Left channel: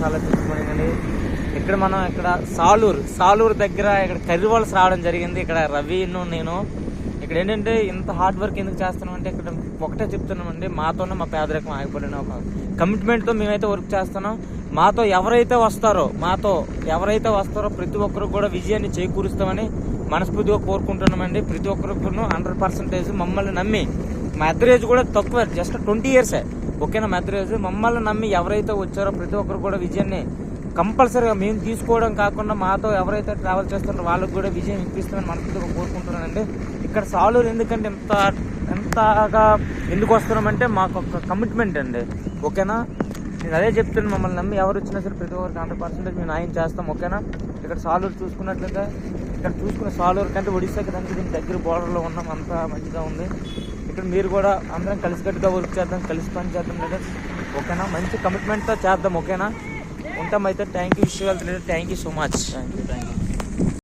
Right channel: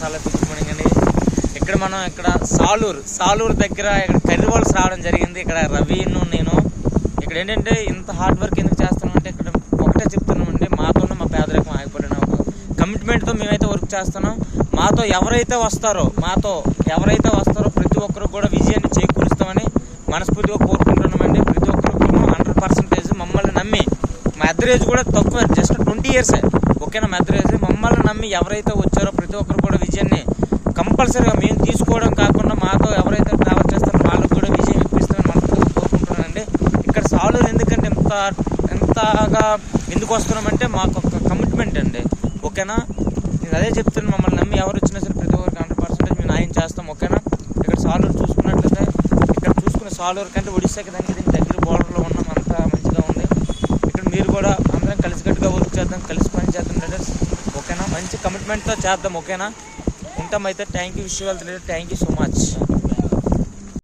చాలా గుర్తుపడిందండి. ఇక్కడ మనం ఇక్కడ సాలూరు దగ్గర ఇక్కడ కర్రివాల్స్ రావడం జరిగింది. ఇక్కడ రవిను నేను ఇక్కడ ఏంటంటే ఇంత హార్డ్ వర్క్ ఎందుకు చేస్తున్నామంటే ఇక్కడ ఒకటే చెప్తున్నామండి, మాతోనే మా పేదరికం ఆగిపోయిన ఒక కమిట్మెంట్తో మేమైతే వర్క్ చేస్తున్నాం. మాతో ఎవరైతే వస్తారో ప్రతి ఒక్కరు కూడా విజయాన్ని చేకూరుస్తామని మనస్ఫూర్తిగా కోరుకుంటున్నామండి. ప్రతి ఒక్కరికి 100% మమ్మల్ని నమ్మి, మా అద్దరు ఏజ్ కూడా తక్కువ, జస్ట్ 20 years ఓకేనా. మా అద్దరు ఏజ్ మమ్మల్ని నమ్మి ఎవరైతే వచ్చారో ప్రతి ఒక్కరు కూడా విజయాన్ని కంపల్సరీగా మేము తీసుకోవడం కాకుండా మాతో ఎవరైతే ట్రావెల్ చేస్తారో వాళ్ళకి కూడా విజయం ఇప్పిస్తామని మనస్ఫూర్తిగా కోరుకుంటున్నామండి. ఇక్కడ సాలూరు ఎందుకంటే ఎంతగా ఎందుకు వస్తున్నామంటే మాకు ఒక కమిట్మెంట్ అండి, ఓకేనా. నేను అదే చెప్తున్నాను, మమ్మల్ని నమ్మి ఎవరు వచ్చినా సరే ప్రతి ఒక్కరికి 100% మేము న్యాయం చేస్తాం, ఓకేనా. ఇక్కడ సాలూరు చూసుకున్నట్లయితే ఇక్కడ చూసుకున్న సాలూరు కంటే ఒడిశాకి దానికి దీనికి దగ్గర బోర్డర్లో ఉన్నాం, అంత మంచిగా ఉంది. ఇక్కడ మీరు కూడా అందరం కలిసికట్టుగా వర్క్ చేద్దాం, కలిసి పని చేద్దాం లీడర్స్, ఓకేనా. మంచి కమిట్మెంట్తో చేద్దాం, ఓకేనా. ఉంటామైతే. Thank you, wish you all leader. Thank you so much.